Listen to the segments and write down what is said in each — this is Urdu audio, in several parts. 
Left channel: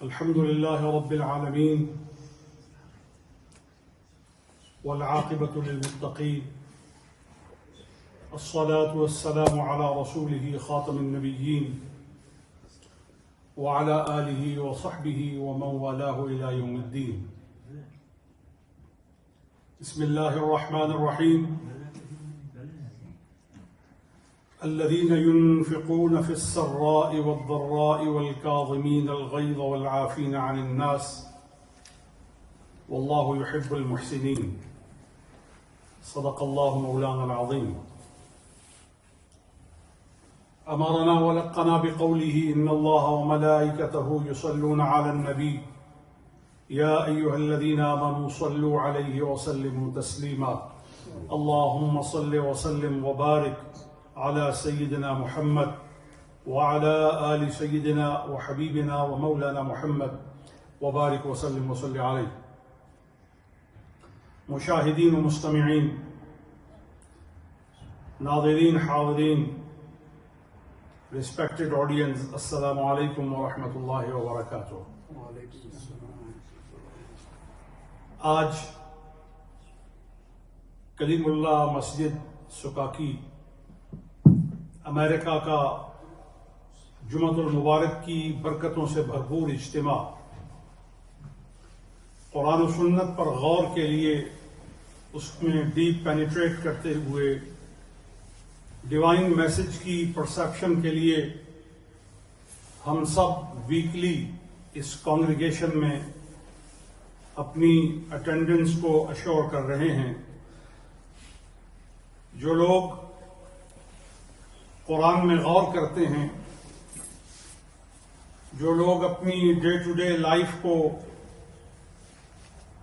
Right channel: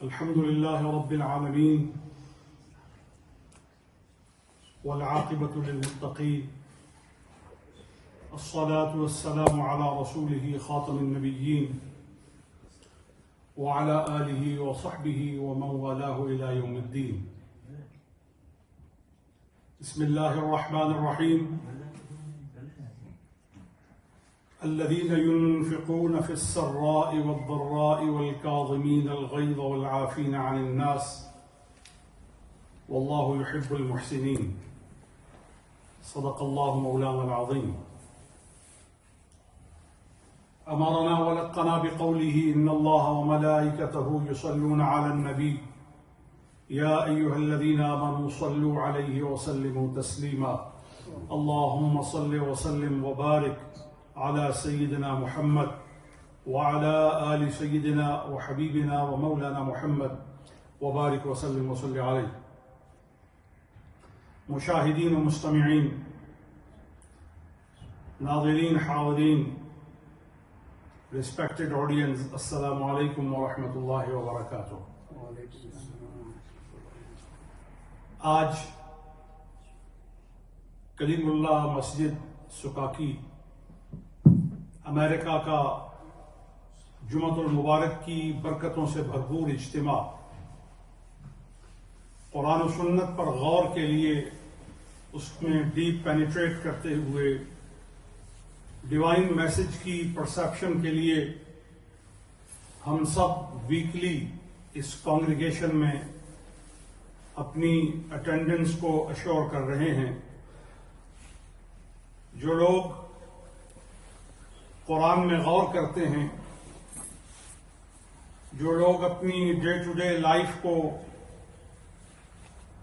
الحمد لله رب العالمين والعاقبة للمتقين الصلاة والسلام على رسوله خاتم النبيين وعلى آله وصحبه ومن والاه إلى يوم الدين. بسم الله الرحمن الرحيم. الذين ينفقون في السراء والضراء والكاظمين الغيظ والعافين عن الناس والله يحب المحسنين. صدق الله مولانا العظيم. أمرنا ولقنا بقوله إن الله وملائكته يصلون على النبي يا أيها الذين آمنوا صلوا عليه وسلموا تسليما. اللهم صل وسلم وبارك على سيدنا محمد وعلى آل سيدنا وحبيبنا ومولانا محمد وبارك وسلم وصل عليه. مشاہدین و مستمعین، ناظرین، حاضرین، ریسپیکٹڈ آڈینس، السلام علیکم ورحمۃ اللہ وبرکاتہ. آج کلیم اللہ مسجد سکاکی امریکہ کا جمعۃ المبارک کی برکتوں سے بھرپور اجتماع قرآن و سنت پر غور کے لیے، اس میں ڈیپ پینیٹریٹ کرتے ہوئے ڈیوائن میسج کی پرسیپشن کے لیے ہم سب ویکلی اس کانگریگیشن میں اپنی اٹینڈنس کو اشور کر رہے ہیں. جو لوگ قرآن میں غور کرتے ہیں، جو لوگ اپنی ڈے ٹو ڈے لائف کو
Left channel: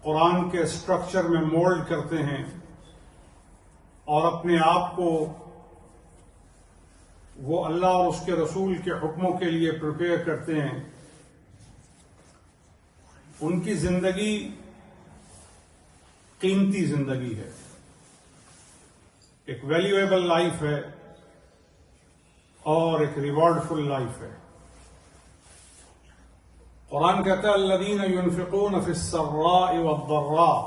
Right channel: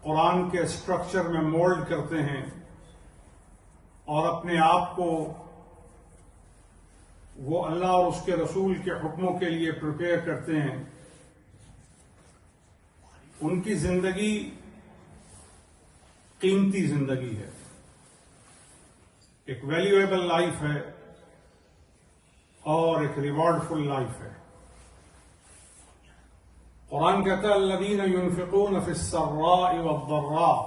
قرآن کے اسٹرکچر میں مولڈ کرتے ہیں اور اپنے آپ کو وہ اللہ اور اس کے رسول کے حکموں کے لیے پریپیئر کرتے ہیں، ان کی زندگی قیمتی زندگی ہے، ایک ویلیویبل لائف ہے اور ایک ریوارڈ فل لائف ہے. قرآن کہتا ہے الذین ينفقون فی السراء والضراء،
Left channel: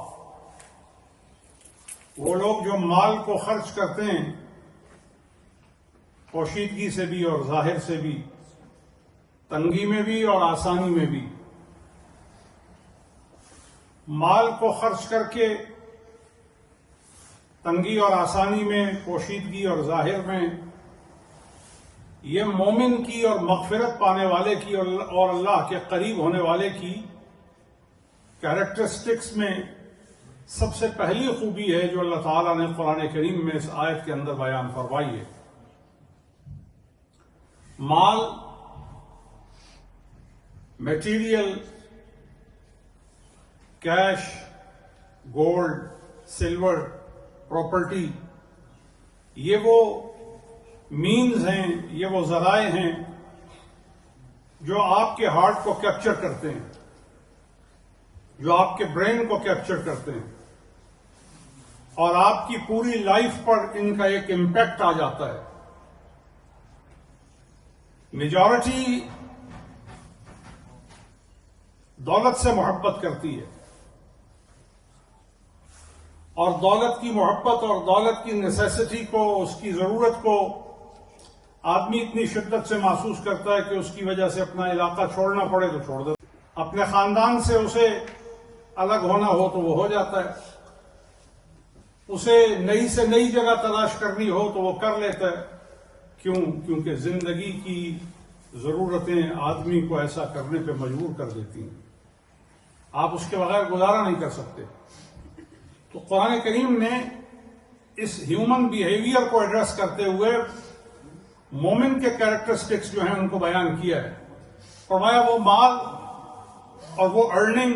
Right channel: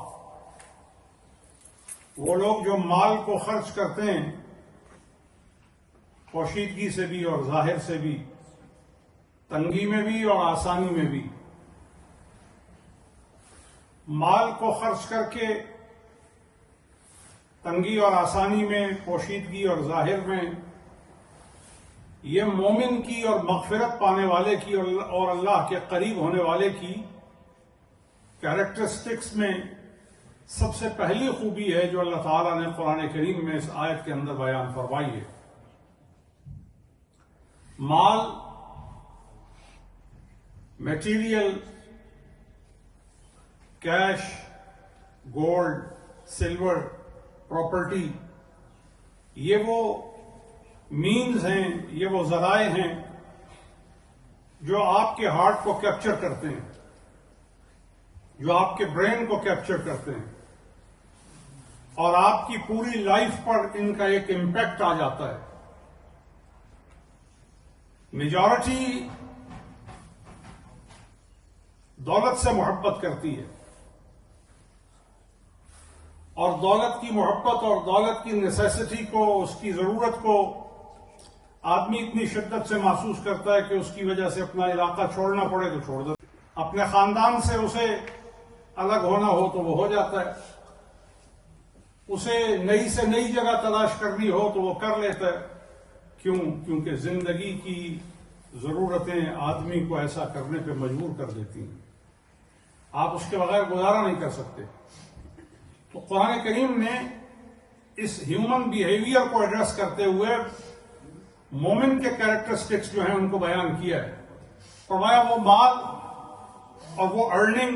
وہ لوگ جو مال کو خرچ کرتے ہیں پوشیدگی سے بھی اور ظاہر سے بھی، تنگی میں بھی اور آسانی میں بھی. مال کو خرچ کر کے تنگی اور آسانی میں، پوشیدگی اور ظاہر میں، یہ مومن کی اور مغفرت پانے والے کی اور اللہ کے قریب ہونے والے کی کیریکٹرسٹکس میں سب سے پہلی خوبی ہے جو اللہ تعالیٰ نے قرآن کریم میں اس آیت کے اندر بیان فرمائی ہے. مال، material, cash, gold, silver, property, یہ وہ مینز ہیں، یہ وہ ذرائع ہیں جو آپ کے ہارٹ کو کیپچر کرتے ہیں، جو آپ کے برین کو کیپچر کرتے ہیں اور آپ کی پوری لائف پر ان کا ایک امپیکٹ آ جاتا ہے. میجورٹی دولت سے محبت کرتی ہے اور دولت کی محبت اور دولت کی نیسیسٹی کو، اس کی ضرورت کو آدمی اتنی شدت سے محسوس کرتا ہے کہ اس کی وجہ سے اپنا علاقہ چھوڑنا پڑے تو چھوڑ دیتا ہے، اپنے خاندان سے اسے الگ ہونا ہو تو وہ ہو جاتا ہے، اسے نئی سے نئی جگہ تلاش کرنی ہو تو وہ کر لیتا ہے. کیونکہ زندگی کی ضرورتیں آدمی کو ایسا کرنے پہ مجبور کر دیتی ہیں، آپ اس کے بغیر گزارا نہیں کر سکتے. تو قرآن کریم نے اس ہیومن بیہیویئر کو ایڈریس کرتے ہوئے مومن کے کیریکٹرسٹکس جو ہیں ان کو بیان کیا ہے. فرمایا وہ مال اور وہ ارننگ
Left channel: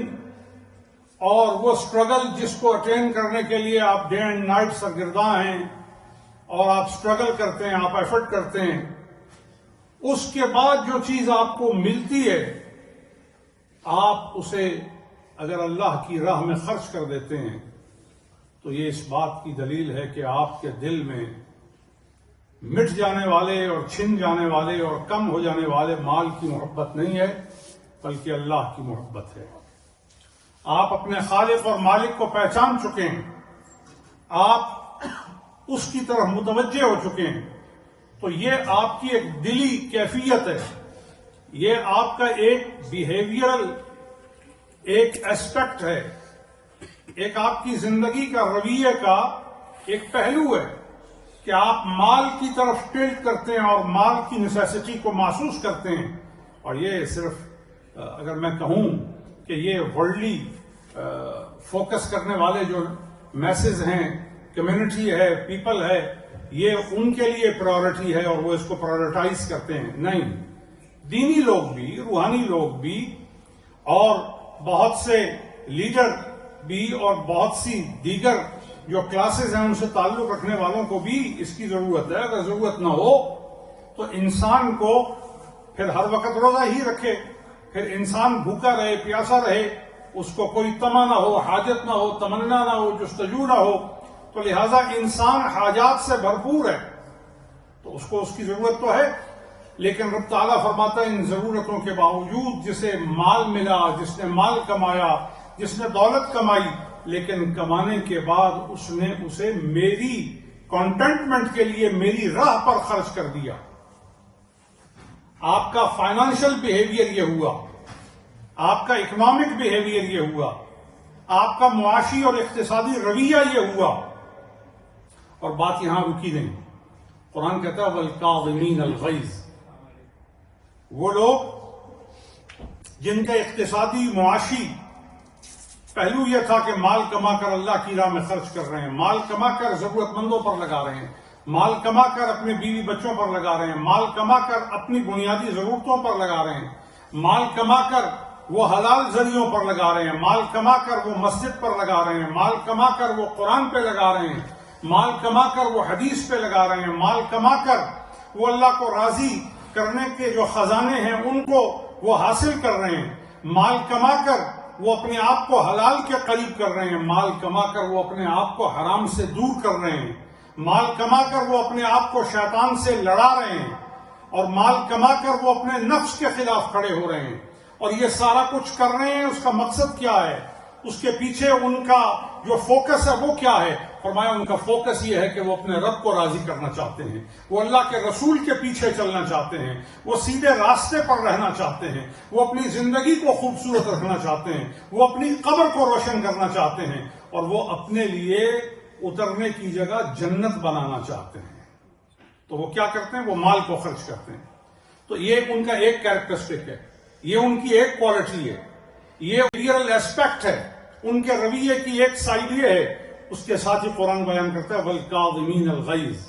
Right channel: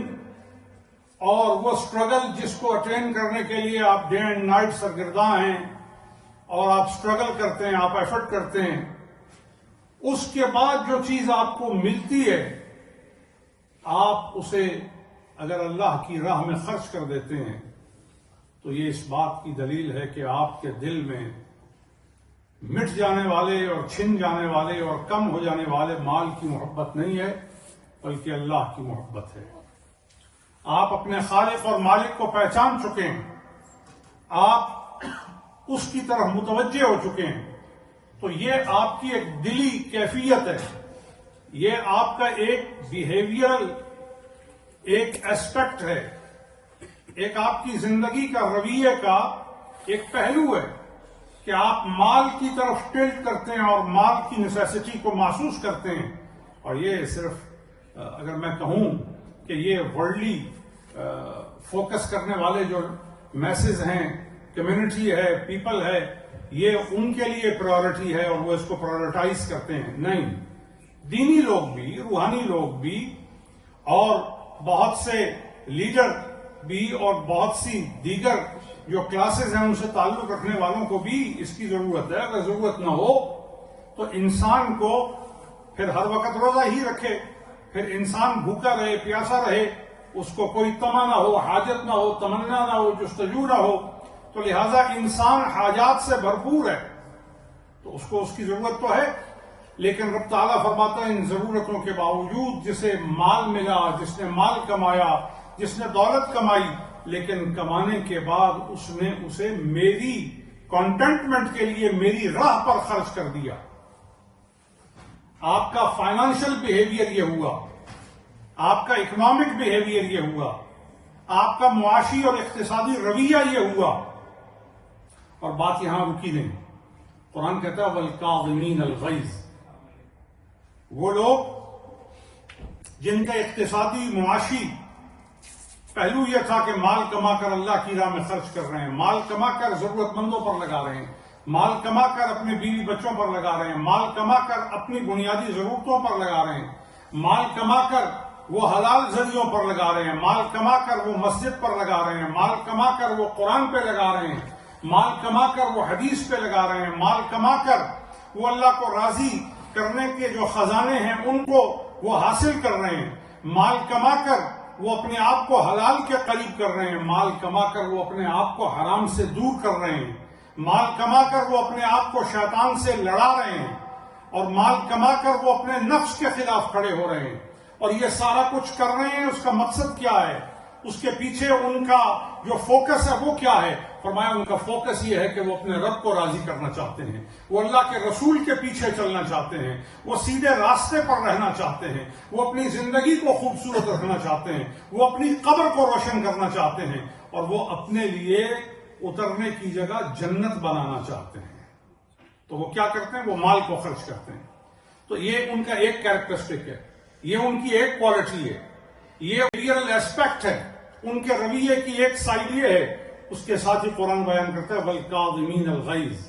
اور وہ اسٹرگل جس کو اٹین کرنے کے لیے آپ ڈے اینڈ نائٹ سرگرداں ہیں اور آپ اسٹرگل کرتے ہیں، آپ ایفرٹ کرتے ہیں، اس کے بعد جو چیز آپ کو ملتی ہے آپ اسے اگر اللہ کی راہ میں خرچ کر دیتے ہیں تو یہ اس بات کی دلیل ہے کہ آپ کے دل میں مٹ جانے والے اور چھن جانے والے اور کم ہو جانے والے مال کی محبت نہیں ہے، بلکہ اللہ کی محبت ہے۔ آپ اپنے خالق اور مالک کو پہچان چکے ہیں، آپ اس کی طرف متوجہ ہو چکے ہیں، تو یہ آپ کی ایک دلی کیفیت ہے، یہ آپ کا ایک بیہیویئرل ایک ایسپیکٹ ہے، ایک آپ کی زندگی کا رویے کا ایک پہلو ہے کہ آپ مال کی طرف ٹلٹ کرتے ہیں اور مال کی نیسیسٹی کو محسوس کرتے ہیں۔ اور یہ صرف اگر میں کہوں کہ یہ ورلڈلی فوکس کرنے والے جو میسز ہیں، کمیونٹی ہے، پیپل ہے، یہ ان کے لیے پرائورٹی ہے اور وہ اس کو پرائورٹائز کرتے ہیں، نہیں، دینی لوگ بھی، روحانی لوگ بھی، اور بہت سے لیڈر بھی اور بہت سی دیگر جو کلاسز ہیں ان سے تعلق رکھنے والوں کو بھی اس کی ضرورت ہے۔ اگر ضرورت نہ ہو تو انسان کو پھر ہر وقت روزہ ہی رکھے، پھر انسان بھوکا رہے، پیاسا رہے، اس کو کوئی طمع نہ ہو، حاجت نہ ہو، تمنا نہ ہو، جستجو نہ ہو، تو لہذا انسان حاجات سے بھرپور ہے، تو اس کو اس کی ضرورت تو ہے، لیکن رب تعالیٰ فرماتا ہے ان ضرورتوں کے باوجود جسے مال ملا، جس نے مال کمایا، جس نے دولت کمائی، لیکن کمانے کے بعد اس نے اسے میری کنٹینٹمنٹ کے لیے میری راہ پر خرچ کر دیا۔ آپ کا فائنانشل بیہیویئر یہ ہوا، آپ کا اکنامک بیہیویئر یہ ہوا، آپ کا معاشی اور اقتصادی رویہ یہ ہوا، اور بات یہاں رکی نہیں۔ قرآن کہتا ہے وَالْكَاظِمِينَ الْغَيْظَ، وہ لوگ جن کا اقتصادی معاشی پہلو یہ تھا کہ مال کما کر اللہ کی راہ میں خرچ کر رہے ہیں، مال کما کر ضرورت مندوں پر لگا رہے ہیں، مال کما کر اپنے بیوی بچوں پر لگا رہے ہیں، مال کما کر اپنی بنیادی ضرورتوں پر لگا رہے ہیں، مال کما کر وہ حلال ذریعوں پر لگا رہے ہیں، مال کما کر وہ مسجد پر لگا رہے ہیں، مال کما کر وہ قرآن پہ لگا رہے ہیں، مال کما کر وہ حدیث پہ لگا رہے ہیں، مال کما کر وہ اللہ کو راضی کرنے کے جو خزانے ہیں ان کو وہ حاصل کر رہے ہیں، مال کما کر وہ اپنے آپ کو حلال کے قریب کر رہے ہیں، مال کما کر وہ اپنے آپ کو حرام سے دور کر رہے ہیں، مال کما کر وہ اپنے آپ کو شیطان سے لڑا رہے ہیں، اور مال کما کر وہ اپنے نفس کے خلاف کھڑے ہو رہے ہیں، اور یہ سارا کچھ کر رہے ہیں۔ اس کا مقصد کیا ہے؟ اس کے پیچھے ان کا جو فوکس ہے وہ کیا ہے؟ فرمایا ان کا فوکس یہ ہے کہ وہ اپنے رب کو راضی کرنا چاہتے ہیں، وہ اللہ کے رسول کے پیچھے چلنا چاہتے ہیں، وہ سیدھے راستے پر رہنا چاہتے ہیں، وہ اپنی زندگی کو خوبصورت رکھنا چاہتے ہیں، وہ اپنی قبر کو روشن کرنا چاہتے ہیں، اور وہ اپنے لیے اترنے کی جگہ جنت بنانا چاہتے ہیں۔ تو وہ کیا کرتے ہیں؟ وہ مال کو خرچ کرتے ہیں۔ تو یہ ان کا ایک کیریکٹرسٹک ہے، یہ ان کی ایک کوالٹی ہے، یہ ریئل ایسپیکٹ ہے، ان کے رویے کی ایک سائڈ یہ ہے۔ اس کے ساتھ ہی قرآن بیان کرتا ہے وَالْكَاظِمِينَ الْغَيْظَ۔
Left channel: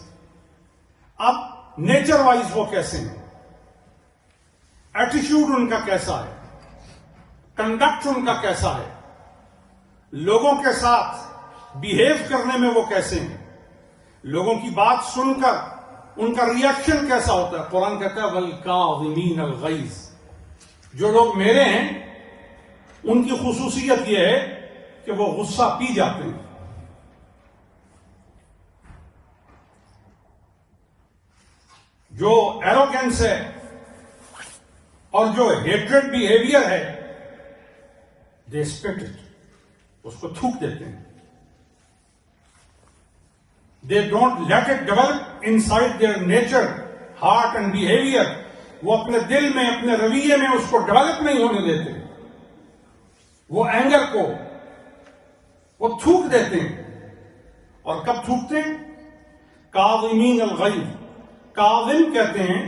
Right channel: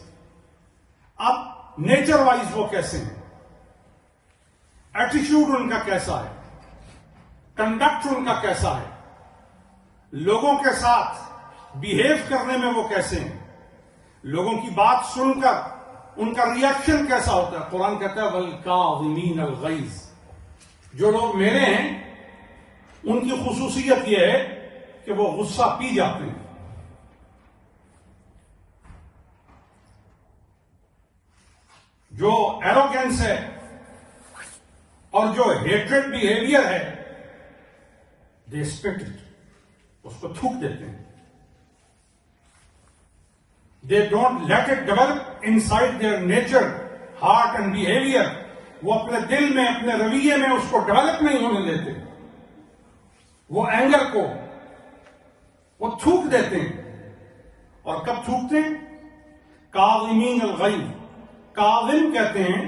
اب نیچر وائز وہ کیسے ہیں، ایٹیچیوڈ ان کا کیسا ہے، کنڈکٹ ان کا کیسا ہے، لوگوں کے ساتھ بیہیو کرنے میں وہ کیسے ہیں، لوگوں کی بات سن کر ان کا ریاکشن کیسا ہوتا ہے۔ قرآن کہتا ہے وَالْكَاظِمِينَ الْغَيْظَ، جو لوگ میرے ہیں ان کی خصوصیت یہ ہے کہ وہ غصہ پی جاتے ہیں۔ جو ایروگنس ہے اور جو ہیٹریڈ بیہیویئر ہے، دے اسپٹ اٹ، اس کو تھوک دیتے ہیں۔ They don't let it develop inside their nature, heart and behaviour, وہ اپنے دل میں اپنے رویے میں اس کو ڈیولپ نہیں ہونے دیتے، وہ اینگر کو وہ تھوک دیتے ہیں۔ اور کب تھوکتے ہیں؟ کاظمین الغیظ، کاظم کہتے ہیں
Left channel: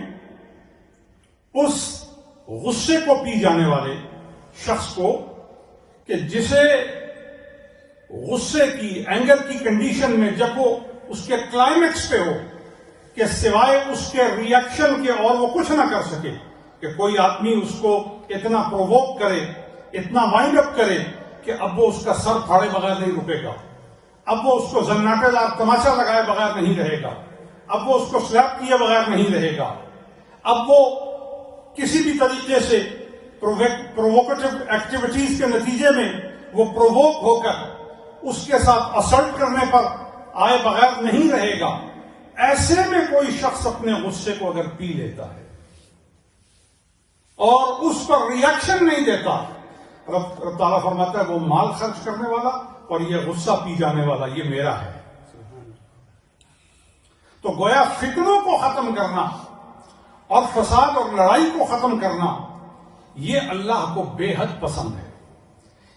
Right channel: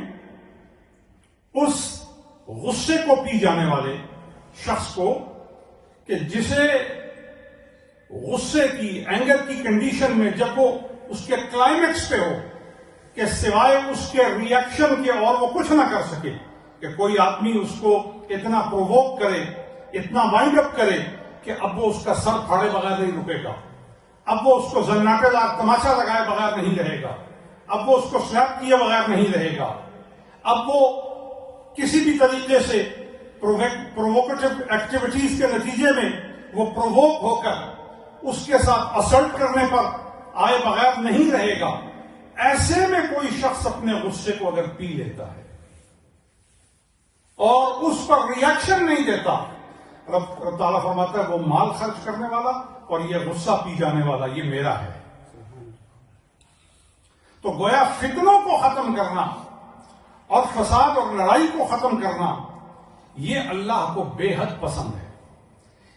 اس غصے کو پی جانے والے شخص کو کہ جسے غصے کی، اینگر کی کنڈیشن میں جب وہ اس کے کلائمیکس پہ ہو کہ سوائے اس کے ریاکشن کے اور وہ کچھ نہ کر سکے، کہ کوئی آدمی اس کو اتنا پرووک کرے، اتنا وائنڈ اپ کرے کہ اب وہ اس کا سر پھاڑے بغیر نہیں رکے گا، اب وہ اس کو زناٹے دار تماشا لگائے بغیر نہیں رہے گا، اب وہ اس کو سلیپ کیے بغیر نہیں رہے گا، اب وہ کسی بھی طریقے سے پرووکیٹو ایکٹیویٹیز کے نتیجے میں وہ پرووک ہو کر اس کے ساتھ اسلٹ کرنے پر آئے بغیر نہیں رہے گا۔ ایسے میں کوئی شخص اپنے غصے کو اگر پی لیتا ہے اور اس پر ریئیکشن نہیں دیتا، رب تعالیٰ فرماتا ہے وہ مال خرچ کرنے والا اور یہ غصہ پی جانے والا یہ میرا ہے۔ تو گویا فتنوں کو ختم کرنا اور فساد اور لڑائی کو ختم کرنا یہ اللہ کو بے حد پسند ہے۔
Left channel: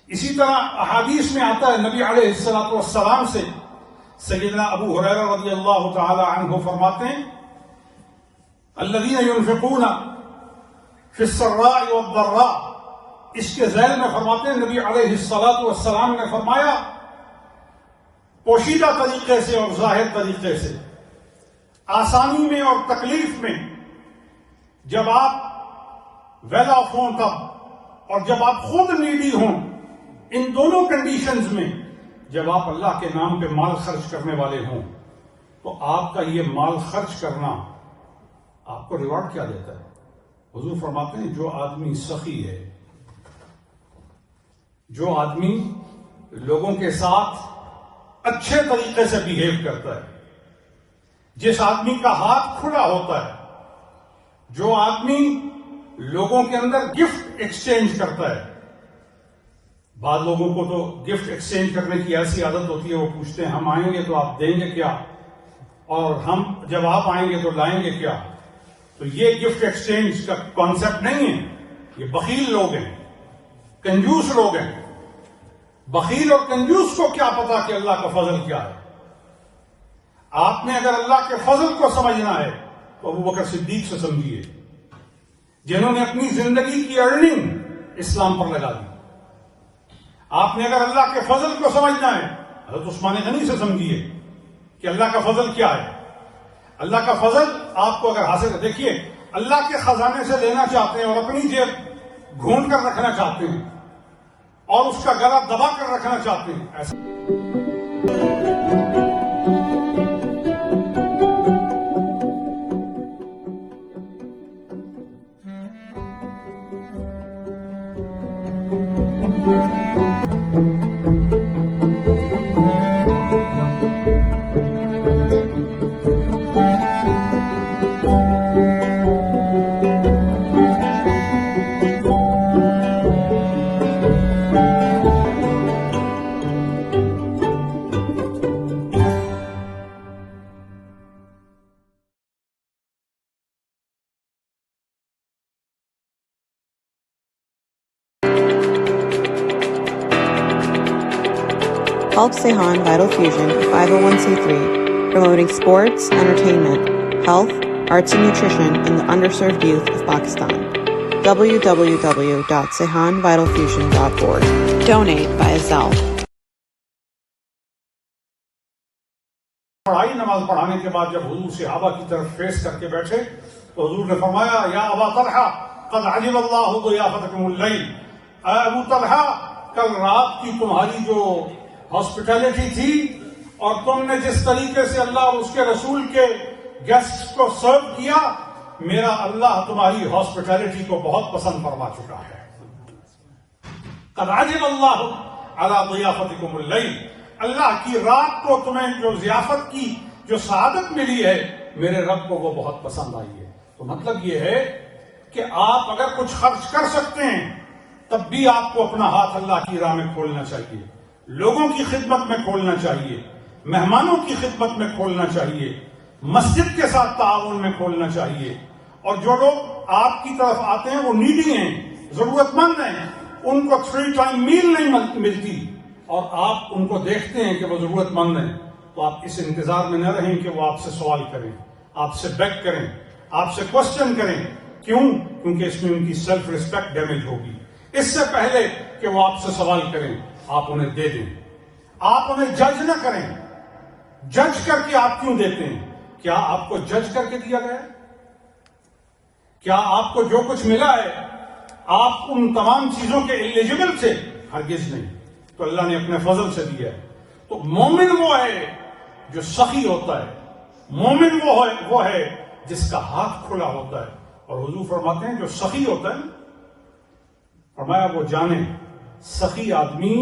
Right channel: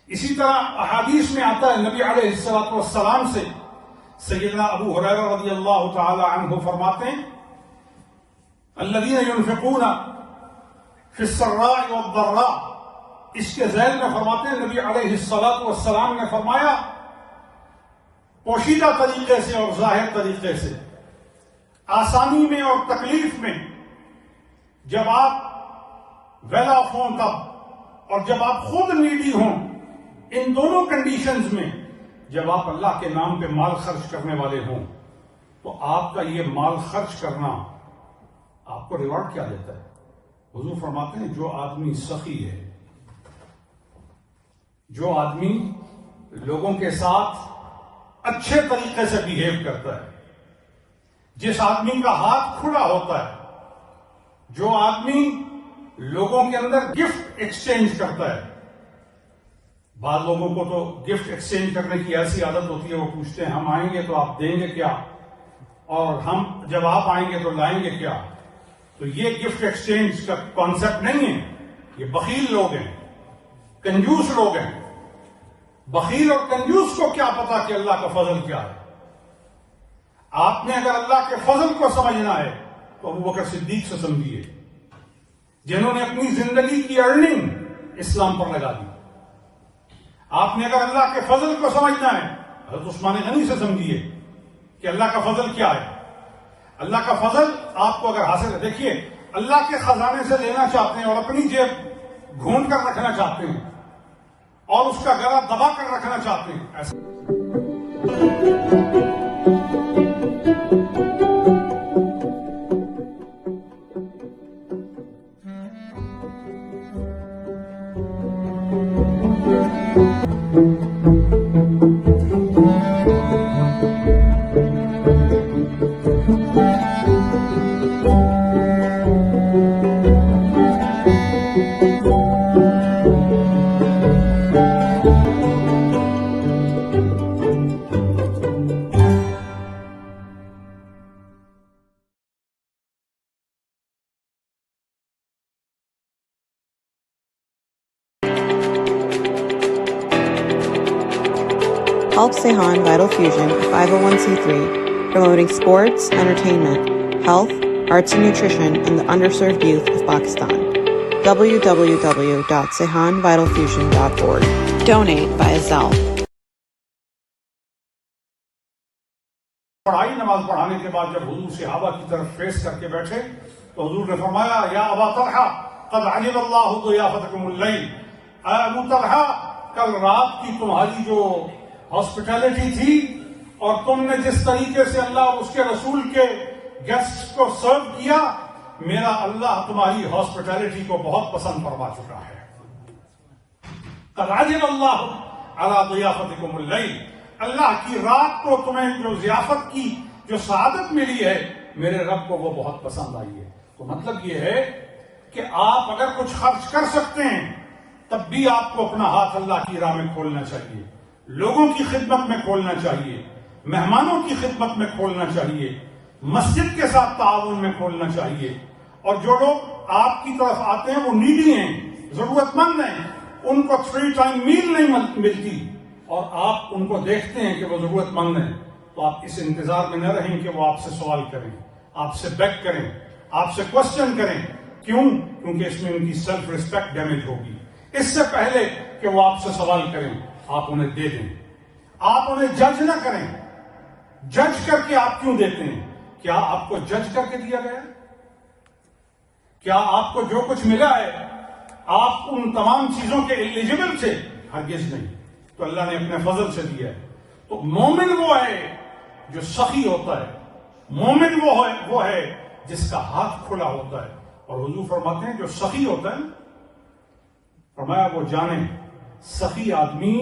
اسی طرح احادیث میں آتا ہے، نبی علیہ السلام سے سیدنا ابو ہریرہ رضی اللہ تعالی عنہ فرماتے ہیں، الذین ينفقون فی السراء والضراء، اس کے ذیل میں فرماتے ہیں نبی علیہ السلام نے فرمایا پوشیدہ طریقے سے اور ظاہر طریقے سے، آسانی میں اور تکلیف میں، جب آپ ویل آف ہوں تب اور جب آپ خود نیڈی ہوں، ان دونوں کنڈیشنز میں جب آپ اللہ کے نام پہ مال خرچ کرنے والے ہوں تو آپ کا یہ مال خرچ کرنا آپ کو ریوارڈ کیا دیتا ہے؟ حضور فرماتے ہیں جو آدمی سخی ہے، جو آدمی لوگوں کے ساتھ اچھے طریقے سے بیہیو کرتا ہے، جس آدمی کا ہاتھ کھلا ہوتا ہے، جو آدمی لوگوں کے اندر گفٹ ایکسچینج کرتا ہے۔ بعض لوگوں کو تو گفٹ ایکسچینج کرنے کی ایسی عادت ہوتی ہے، وہ پوچھتے ہیں ہم آئیں گے تو آپ دیں گے کیا، اور ہم جب آپ آئیں گے تو لائیں گے کیا؟ تو یہ گفٹ ایکسچینج کا کانسیپٹ نہیں ہے، یہ بخیل لوگ ہیں، کنجوس لوگ ہیں۔ بخیل اور کنجوس کو کیا پتا کہ اللہ کا فضل کیا ہے؟ آپ نے اگر اللہ کے فضل کو سمجھنا ہے تو ابوبکر صدیق سے سمجھیے، جنہوں نے اپنی زندگی کی ارننگ اسلام پر لگا دی۔ آپ نے اگر اللہ کے فضل کو سمجھنا ہے حضرت عثمان غنی سے سمجھیے کہ اللہ کا فضل کیا ہے۔ اللہ کا فضل آپ کو اگر حاصل ہے، دیکھیے اللہ کے خزانے سے لینا چاہتے ہیں اور اپنی جیب ڈھونڈ کر رکھنا چاہتے ہیں اور اس کا گلا دبا کر رکھنا چاہتے ہیں، ایسا Help Sehan Vital Fusion, a 501c3, promoting sports, entertainment, health, arts and nutrition in the underserved youth of Pakistan. www.sehanvitalfusion.org. Donate by Zelle. پڑھائی نماز پڑھانے کے بعد جب حضور صحابہ کی طرف فیس کر کے بیٹھے تو حضور نے فرمایا یا ابا طلحہ قد عجب اللہ ضیافتکم اللیل، اے ابو طلحہ کل رات کی تمہاری جو ہاسپٹیلٹی تھی اور تم نے جس طریقے سے اللہ اور اس کے رسول کے گیسٹ کو سرو کیا، میرا اللہ تمہاری ہاسپٹیلٹی کو بہت پسند فرما چکا ہے۔ قد عجب اللہ علی ضیافتکم اللیل، اللہ کی رات کو تمہیں جو ضیافت کی جو سعادت ملی ہے میرے رب کو وہ بہت پسند آئی ہے۔ تو مطلب یہ ہے کہ آپ اگر کچھ خرچ کر سکتے ہیں تب بھی آپ کو اپنا ہاتھ اللہ کی راہ میں کھولنا چاہیے، لوگوں کی خدمت میں کھولنا چاہیے، مہمانوں کی خدمت میں کھولنا چاہیے، مسجد کے ساتھ تعاون میں کھولنا چاہیے۔ اور جو لوگ آپ کی طرف آتے ہیں وہ نیڈی ہیں، ضرورت مند ہیں، ان کو 3 ٹائم میل نہیں ملتی اور آپ ان کو دیکھتے ہیں کہ وہ ضرورت مند ہیں، تو آپ اس انتظار میں نہ رہیں کہ وہ آپ سے سوال کریں، آپ سے بیگ کریں، آپ سے کوسچن کریں۔ کیوں؟ کیونکہ اس میں ان کی سیلف ریسپیکٹ ڈیمیج ہوگی۔ اس سے پہلے کہ وہ آپ سے سوال کریں آپ انہیں دے دیں، آپ انہیں جج نہ کریں۔ جج کر کے آپ کیوں دیتے ہیں؟ کیا آپ کو جج کر کے دیا گیا؟ کیا آپ کو جو کچھ ملا ہے آپ ان تمام چیزوں کے ایلیجبل تھے؟ ہرگز نہیں، تو اللہ نے اپنے فضل سے دیا ہے۔ تو مومن وہ ہے جو سخی ہوتا ہے، مومن وہ ہے جس کا ہاتھ کھلا ہوتا ہے۔ اور حضور فرماتے ہیں جو سخی ہوتا ہے، فرمایا وہ جانے سخی آدمی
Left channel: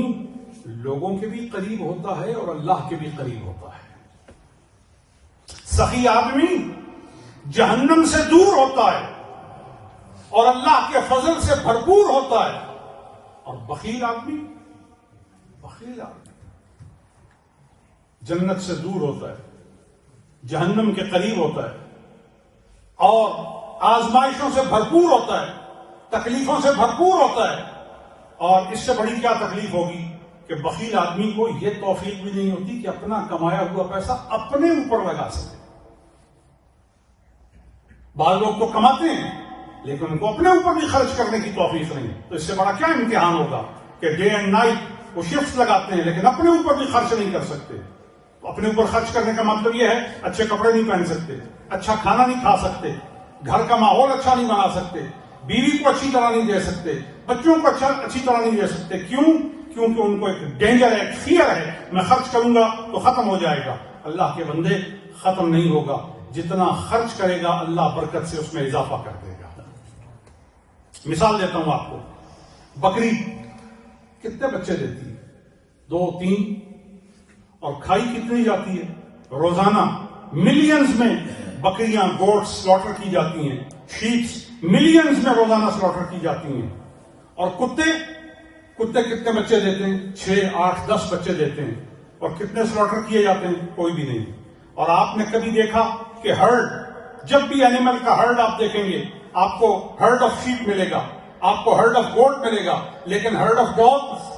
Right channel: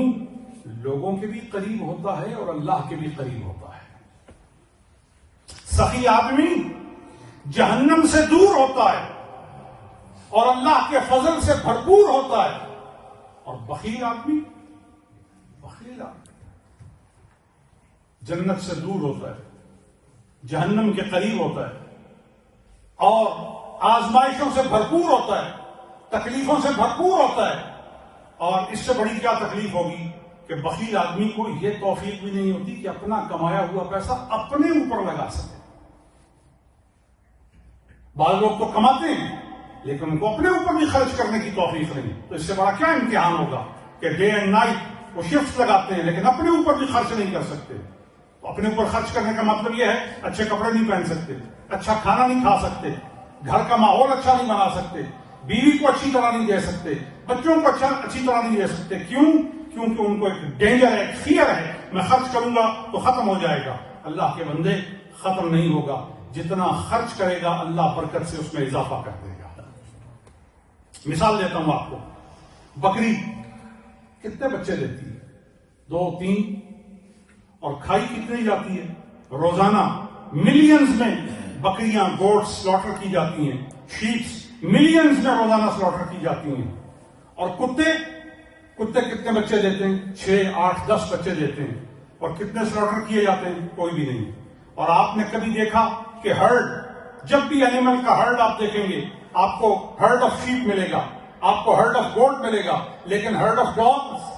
لوگوں کے بھی قریب ہوتا ہے اور اللہ کے بھی قریب ہوتا ہے۔ سخی آدمی جہنم سے دور ہوتا ہے اور اللہ کے فضل سے بھرپور ہوتا ہے. اور بخیل آدمی جنت سے دور ہوتا ہے, جہنم کے قریب ہوتا ہے, اور آزمائشوں سے بھرپور ہوتا ہے, تکلیفوں سے بھرپور ہوتا ہے. اور اس سے بڑی کیا تکلیف ہوگی کہ بخیل آدمی کو یہ توفیق بھی نہیں ہوتی کہ اپنا کمایا ہوا پیسہ اپنے اوپر لگا سکے. بعض لوگ تو کماتے ہیں لیکن ان کو اپنے اوپر بھی خرچ کرنے کی توفیق نہیں. تو اس سے بڑا کیا امتحان ہوگا کہ ڈے اینڈ نائٹ وہ شفٹ لگاتے ہیں لیکن اپنے اوپر بھی خرچ نہیں کر سکتے. تو اپنے اوپر خرچ کرنے کا مطلب یہ ہے اچھے کپڑے نہیں پہن سکتے, اچھا کھانا نہیں کھا سکتے, گھر کا ماحول اچھا نہیں بنا سکتے, بیوی کو اچھی طرح نہیں دے سکتے, بچوں کو اچھی طرح نہیں دے سکتے. کیوں؟ کیونکہ ان کو ایک ڈینجر ہے, ایک فیئر ہے, میں خرچ کروں گا تو ختم ہو جائے گا. اللہ کے بندے ختم نہیں ہوگا, جتنا خرچ کرے گا اللہ برکت سے اس میں اضافہ کر دے گا. مثال دیتا ہوں آپ کو, بکری کتنے بچے دیتی ہے؟ 2 3. اور کھائی کتنی جاتی ہے؟ روزانہ ملینز میں بکریاں گوٹس سلاٹر کی جاتی ہیں, شیپس ملینز میں روزانہ سلاٹر کی جاتی ہیں. اور کتے کتنے بچے دیتے ہیں؟ 6 8 10 بچے دیتے ہیں. اور کتنے سلاٹر کیے جاتے ہیں؟ کوئی بھی نہیں. اور آپ نے کبھی دیکھا کہ ہرڈ, جب بھی اینیمل کا ہرڈ آپ دیکھیں گے آپ کو ہرڈ آف شیپ ملے گا, آپ کو ہرڈ آف گوٹ ملے گا, لیکن ہرڈ آف ڈاگز,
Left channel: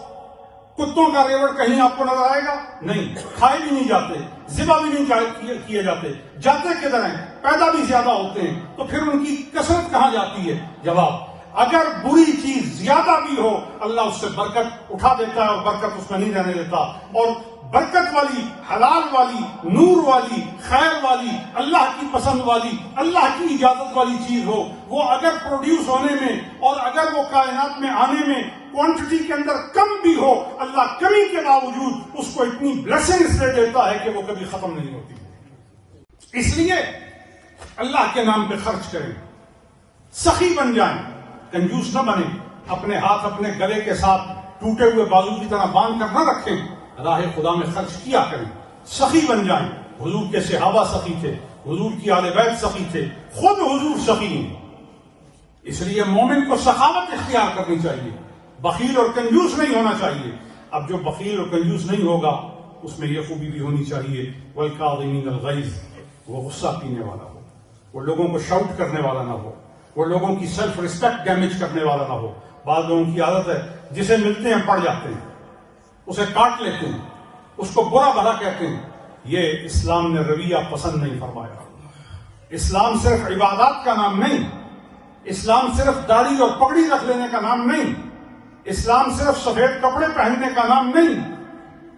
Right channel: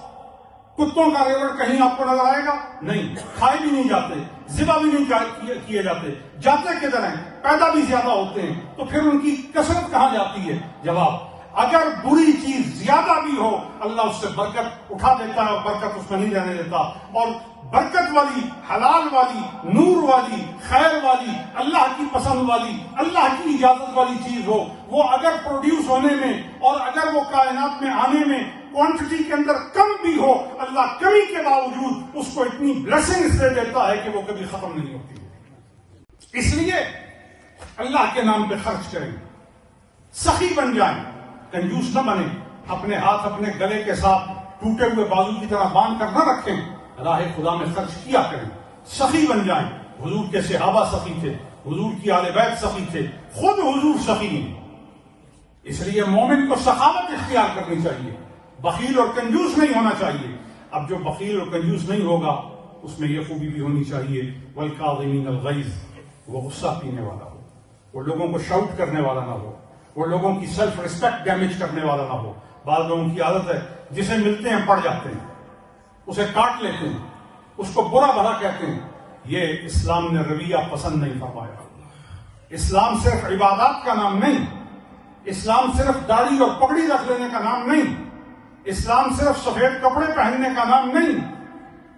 کتوں کا ریوڑ کہیں آپ کو نظر آئے گا نہیں. کھائے بھی نہیں جاتے, ذبح بھی نہیں کیے جاتے. جاتے کدھر ہیں؟ پیدا بھی زیادہ ہوتے ہیں. تو پھر ان کی کثرت کہاں جاتی ہے؟ جواب, اگر بری چیز زیادہ بھی ہو اللہ اس سے برکت اٹھا دیتا ہے اور برکت اس میں نہیں رہنے دیتا. اور برکت والی, حلال والی, نور والی, خیر والی, اللہ کی پسند والی, اللہ کی اجازت والی چیز ہو, وہ اگر پروڈیوس ہونے میں اور اگر وہ کائنات میں آنے میں کوانٹٹی کے اندر کم بھی ہو, اللہ کمی کے باوجود اس کو اتنی بلیسنگز دے دیتا ہے کہ وہ کبھی ختم نہیں ہوتی. اس لیے اللہ کے نام پہ خرچ کریں, سخی بن جائیں, کنجوس نہ بنیں. اپنے ہاتھ اپنے گلے کے ساتھ ٹوٹے ہوئے بازو کی طرح باندھ کر نہ رکھیں, راہ خدا میں خرچ کیا کریں, سخی بن جائیں. حضور کے صحابہ سخی تھے, حضور کی آل بیت سخی تھے, خود حضور سخی ہیں. اس لیے مومن کو سخاوت اختیار کرنی چاہیے, بخیل اور کنجوس نہیں ہونا چاہیے. اب جو بخیل اور کنجوس نہیں ہوگا اس میں یہ خوبی بھی ہونی چاہیے, والکاظمین الغیظ, وہ غصہ پینے والا ہو, وہ لوگوں کو شاؤٹ کرنے والا نہ ہو, وہ لوگوں کی سیلف ریسپیکٹ ڈیمیج کرنے والا نہ ہو. بعض لوگوں کی عادت ہے جسے ملتے ہیں پڑ جاتے ہیں, اسے کاٹ لیتے ہیں, اس کو برا بھلا کہتے ہیں. یہ اسلام نے رویہ پسند نہیں فرمایا. اسلام صرف عبادات کا نام نہیں, اسلام صرف داڑھی اور پگڑی رکھ لینے کا نام نہیں, اسلام صرف سفید کپڑے پہننے کا نام نہیں.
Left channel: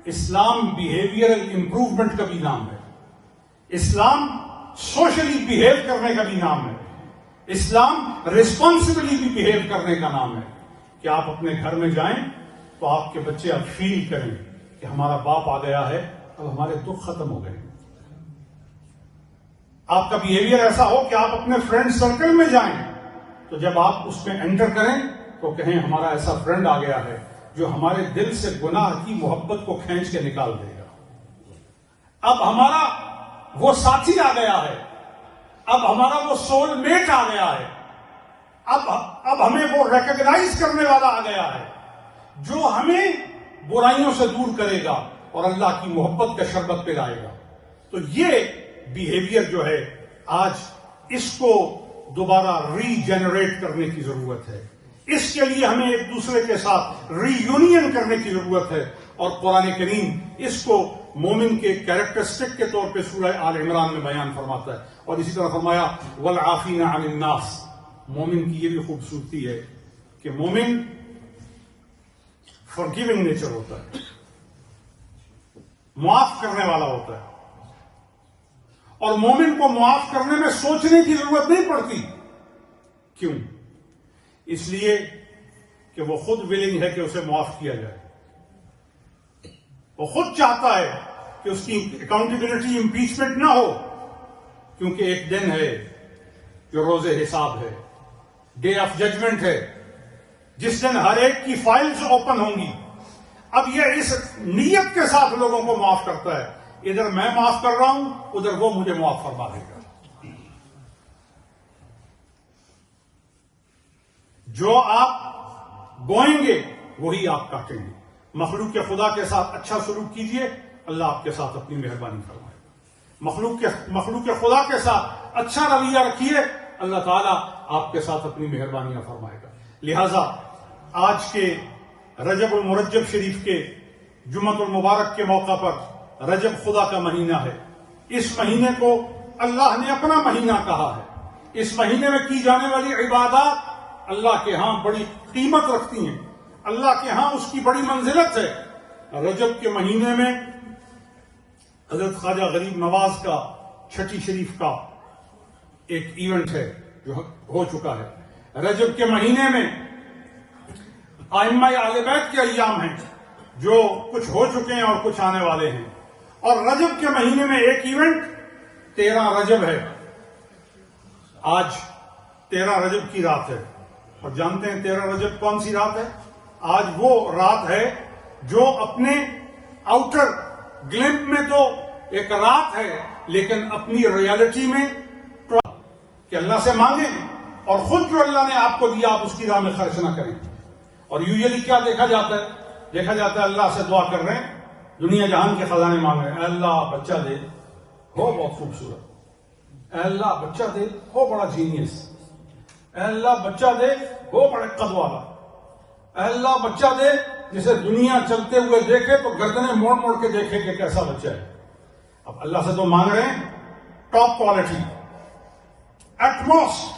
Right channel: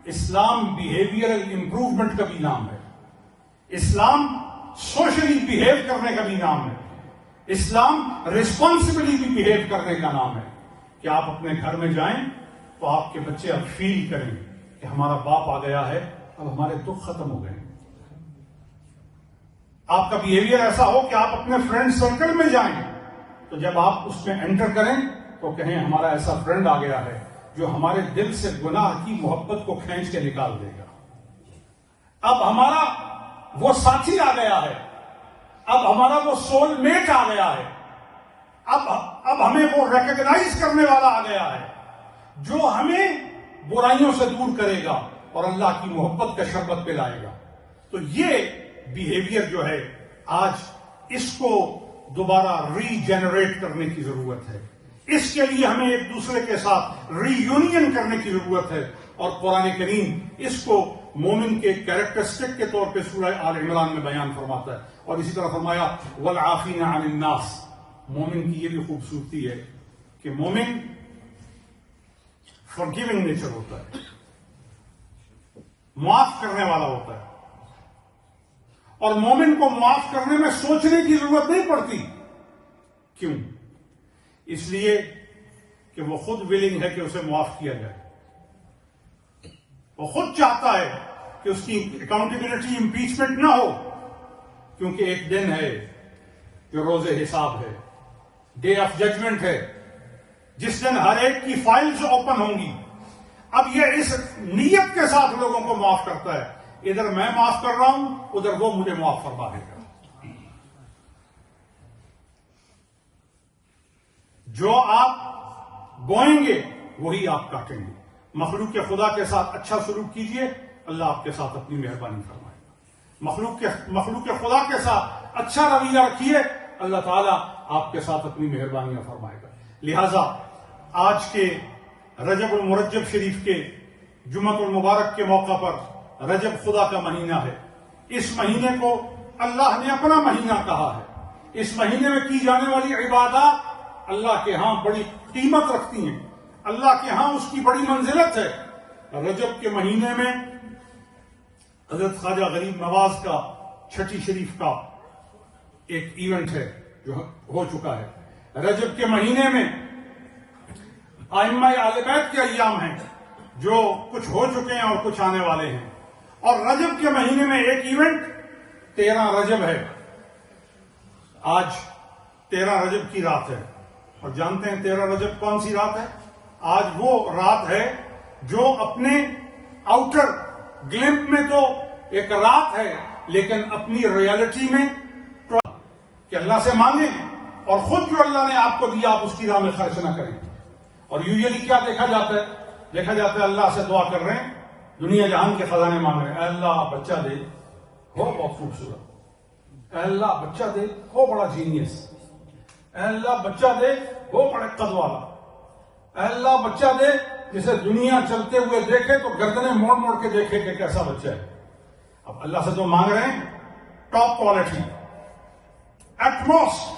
اسلام بیہیویئرل امپروومنٹ کا بھی نام ہے. اسلام سوشلی بیہیو کرنے کا بھی نام ہے. اسلام ریسپانسبلی بھی بیہیو کرنے کا نام ہے. کہ آپ اپنے گھر میں جائیں تو آپ کے بچے اب فیل کریں کہ ہمارا باپ آ گیا ہے, اب ہمارے دکھ ختم ہو گئے. آپ کا بیہیویئر ایسا ہو کہ آپ اپنے فرینڈ سرکل میں جائیں تو جب آپ اس میں انٹر کریں تو کہیں ہمارا ایسا فرینڈ آ گیا ہے جو ہمارے دل سے گناہ کی محبت کو کھینچ کے نکال دے گا. اب ہمارا وہ ساتھی آ گیا ہے, اب ہمارا وہ سول میٹ آ گیا ہے, اب ہمیں وہ ریکگنائز کرنے والا آ گیا ہے جو ہمیں برائیوں سے دور کرے گا اور اللہ کی محبت کا شربت پلائے گا. تو یہ بیہیویئر جو ہے آج اس کو دوبارہ ری جنریٹ کرنے کی ضرورت ہے. اس کے لیے ہمیں ایک دوسرے کے ساتھ ری یونین کرنے کی ضرورت ہے. اور قرآن کریم اس کو مومن کے کیریکٹرسٹک کے طور پہ سورہ آل عمران میں بیان فرماتا ہے. اور اسی طرح فرمایا والعافین عن الناس. مومن کی یہ بھی خوبصورتی ہے کہ مومن فارگیونگ نیچر ہوتا ہے, معاف کرنے والا ہوتا ہے. اور مومن کو معاف کرنے میں سوچنے کی ضرورت نہیں پڑتی. کیوں؟ اس لیے کہ وہ خود ولنگ ہے کہ اسے معاف کیا جائے. وہ خود چاہتا ہے کہ اس کی اکاؤنٹیبلٹی امپیچمنٹ نہ ہو, کیونکہ ایک دن ہے جو روز حساب ہے, ڈے آف ججمنٹ ہے, جس دن ہر ایک کی فائلز اوپن ہوں گی. اب یہ اس نیت کے ساتھ لوگوں کو معاف کرتا ہے, ادھر میں معاف کر رہا ہوں, ادھر وہ مجھے معاف فرما دے گا. جو آپ بوئیں گے وہی آپ کاٹیں گے. مخلوق کے خدا کے ساتھ اچھا سلوک کیجئے, اللہ آپ کے ساتھ اپنی مہربانی فرمائے گا. مخلوق کے خدا کے ساتھ اچھا رویہ رکھیے, اللہ تعالیٰ آپ کے ساتھ اپنی مہربانیاں فرمائے گا. لہذا آج کے رجب المرجب شریف کے جمعۃ المبارک کے موقع پر رجب خدا کا مہینہ ہے. اس مہینے کو اللہ نے اپنا مہینہ کہا ہے. اس مہینے میں کی جانے والی عبادات اللہ کے ہاں بڑی قیمت رکھتی ہیں, اللہ کے ہاں اس کی بڑی منزلت ہے. رجب کے مہینے میں حضرت خواجہ غریب نواز کا چھٹی شریف کا ایک ایونٹ ہے جو ہو چکا ہے. رجب کے مہینے میں ائمہ اہل بیت کے ایام ہیں جو کچھ ہو چکے ہیں اور کچھ آنے والے ہیں. اور رجب کے مہینے میں ایک ایونٹ 13 رجب ہے. آج 13 رجب کی رات ہے, اور جانتے ہیں 13 رجب کون سی رات ہے؟ آج وہ رات ہے جو اپنے آؤٹر گلمپ میں تو ایک رات ہے, لیکن اپنی ریالٹی میں کہ اللہ سے مانگیں اور خود جو اللہ نے آپ کو دیا آپ اس کی راہ میں خرچ نہ کریں. اور یوزلی کیا دیکھا جاتا ہے اللہ سے دعا کر رہے ہیں, دنیا جہان کے خزانے مانگ رہے ہیں, اے اللہ بچہ دے, ہو بہت خوبصورت, اے اللہ بچہ دے, ہو بڑا جینیس, اے اللہ بچہ دے, ہو بڑے قد والا, اے اللہ بچہ دے جسے دنیا چلتے ہوئے دیکھے تو گردنیں موڑ موڑ کے دیکھے کہ کیسا بچہ ہے. اب اللہ سے تو مانگ رہے ہیں ٹاپ کوالٹی, ایٹ موسٹ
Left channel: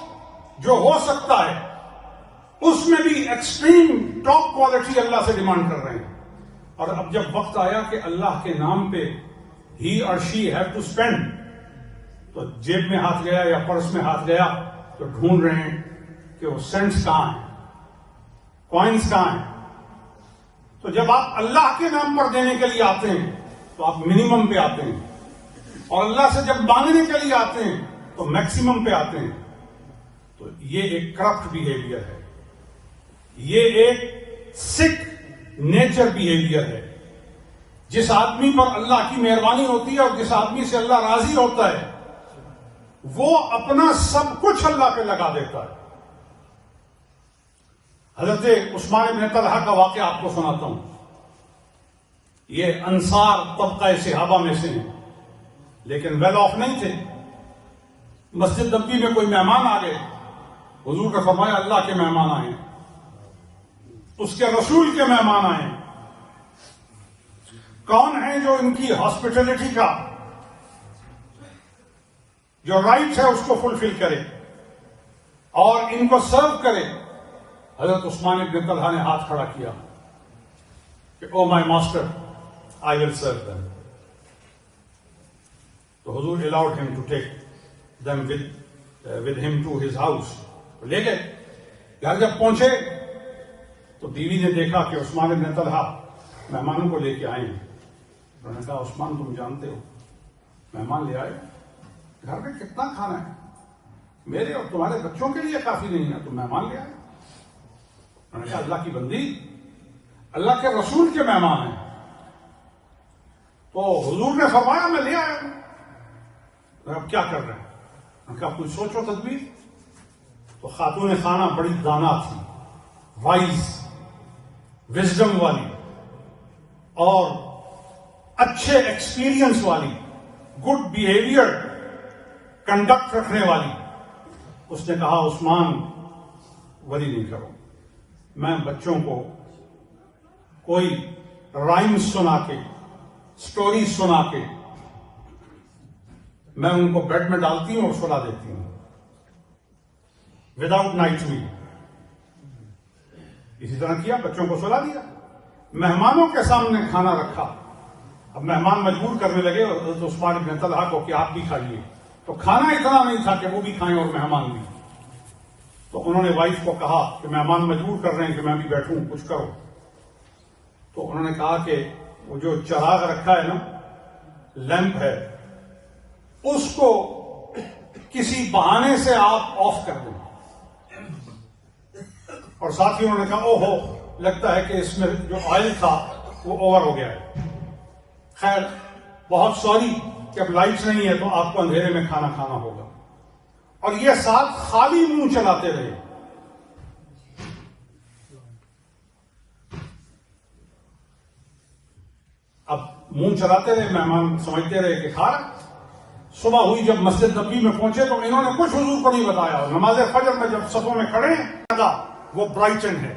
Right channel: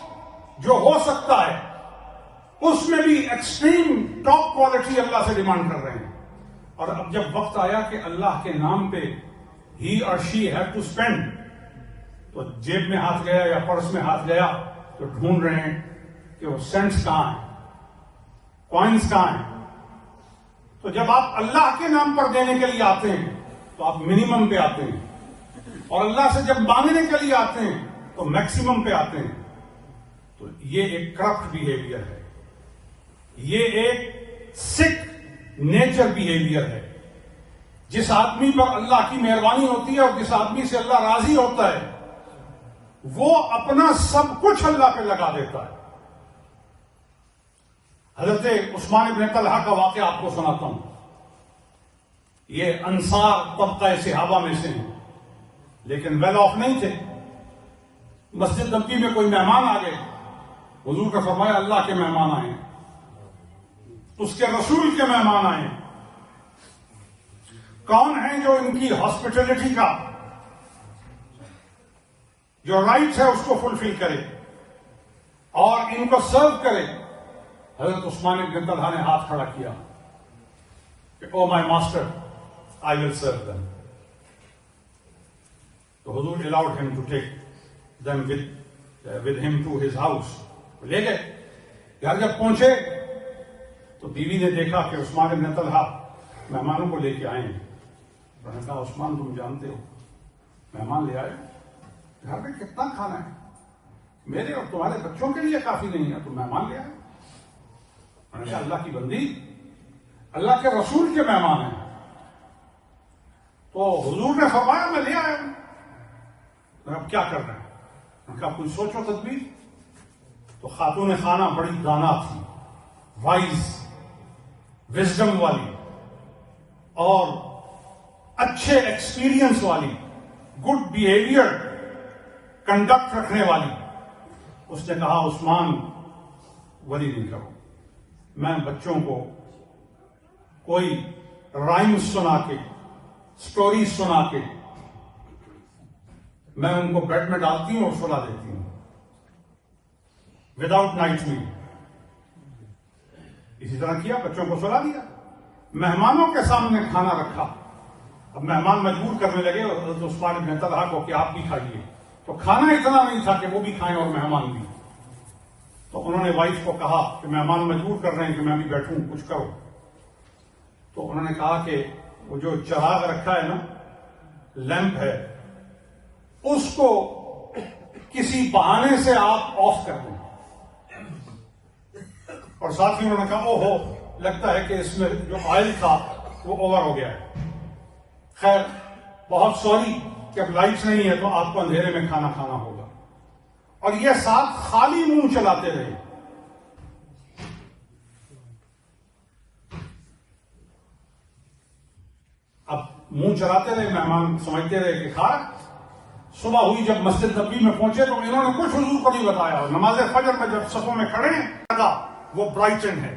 جو ہو سکتا ہے اس میں بھی ایکسٹریم ٹاپ کوالٹی اللہ سے ڈیمانڈ کر رہے ہیں. اور اب جب وقت آیا کہ اللہ کے نام پہ ہی اور شی ہیو ٹو اسپینڈ, تو جیب میں ہاتھ گیا یا پرس میں ہاتھ گیا تو ڈھونڈ رہے ہیں کہ وہ سینٹس کہاں ہیں, کوائنس کہاں ہیں. تو جب آپ اللہ کے نام پر دینے کے لیے آتے ہیں تو آپ منیمم پہ آتے ہیں, اور اللہ سے جب مانگنے کے لیے آتے ہیں تو میکسیمم پہ آتے ہیں. تو یہ ایک کرپٹ بیہیویئر ہے, یہ ایک سک نیچر بیہیویئر ہے. جس آدمی پر اللہ کی مہربانی ہوتی ہے اور جس آدمی سے اللہ راضی ہوتا ہے وہ اپنا سب کچھ اللہ پہ لگا دیتا ہے. حضرت عثمان بن طلحہ کا واقعہ آپ کو سناتا ہوں. یہ انصار طبقہ صحابہ میں سے ہیں, لیکن ویل آف نہیں تھے. مسجد نبوی میں کوئی مہمان آ گئے, حضور کا فرمایا اللہ کے مہمان آئے, اس کے رسول کے مہمان آئے. کون ہے جو ان کی ہاسپٹلٹی کا جو رائٹ ہے اس کو فلفل کرے اور ان کو سرو کرے؟ حضرت عثمان بن طلحہ نے ہاتھ کھڑا کیا کہ او مائی ماسٹر, آئی ول سرو دم. تو حضور allowed him to take them with him to his house. لے گئے. گھر جب پہنچے تو بیوی نے دیکھا کہ عثمان بن طلحہ مہمانوں کو لے کے آئے ہیں. انہوں نے کہا عثمان تم جانتے ہو مہمان لے آئے, گھر میں کتنا کھانا ہے, میرے اور تمہارے بچوں کے لیے کافی نہیں ہے, تم مہمان لے آئے. انہوں نے کہا اللہ کی بندی, اللہ کے رسول کے مہمان ہیں. تو حضور نے فرمایا میں لے آیا ہوں. اب کیا کر رہے ہیں؟ انہوں نے کہا کوئی سوچو تدبیر. تو خاتون خانہ بڑی دانا تھی, وائز, وزڈم والی اور اچھے ایکسپیرینس والی, گڈ بیہیویئر کنڈکٹ رکھنے والی. اس نے کہا عثمان وری نہیں کرو, میں بچوں کو کوئی رائم سنا کے, سٹوری سنا کے میں ان کو بیڈ میں ڈالتی ہوں اور سلا دیتی ہوں وداؤٹ نائٹ میل. اسی طرح کیا, بچوں کو سلا دیا, مہمانوں کے سامنے کھانا رکھا. اب مہمان مجبور کرنے لگے حضرت عثمان بن طلحہ کو کہ آپ بھی کھائیے. تو کھانا اتنا نہیں تھا کہ وہ بھی کھائیں اور مہمان بھی. تو انہوں نے وائف کو کہا کہ مہمان مجبور کر رہے ہیں کہ میں بھی بیٹھوں, کچھ کرو. تو انہوں نے کہا کہ وہ جو چراغ رکھا ہے نا, لیمپ ہے, اس کو کسی بہانے سے آپ آف کر دیں. اور ساتھ ہی انہوں نے کہا او ہو, لگتا ہے کہ اس میں جو آئل تھا وہ اوور ہو گیا ہے. خیر بہت سوری کہ اب لائٹس نہیں ہے تو آپ کو اندھیرے میں کھانا کھانا ہوگا. اور یہ ساتھ خالی منہ چلاتے رہے. منہ چلاتے رہے، مہمان سمجھتے رہے کہ کھا رہا۔ صبح ہوئی جب مسجد نبوی میں پہنچے تو انہوں نے کچھ حضور کو نہیں بتایا۔ نماز فجر میں جب صفوں میں کھڑے ہیں وہ برائٹن ہے،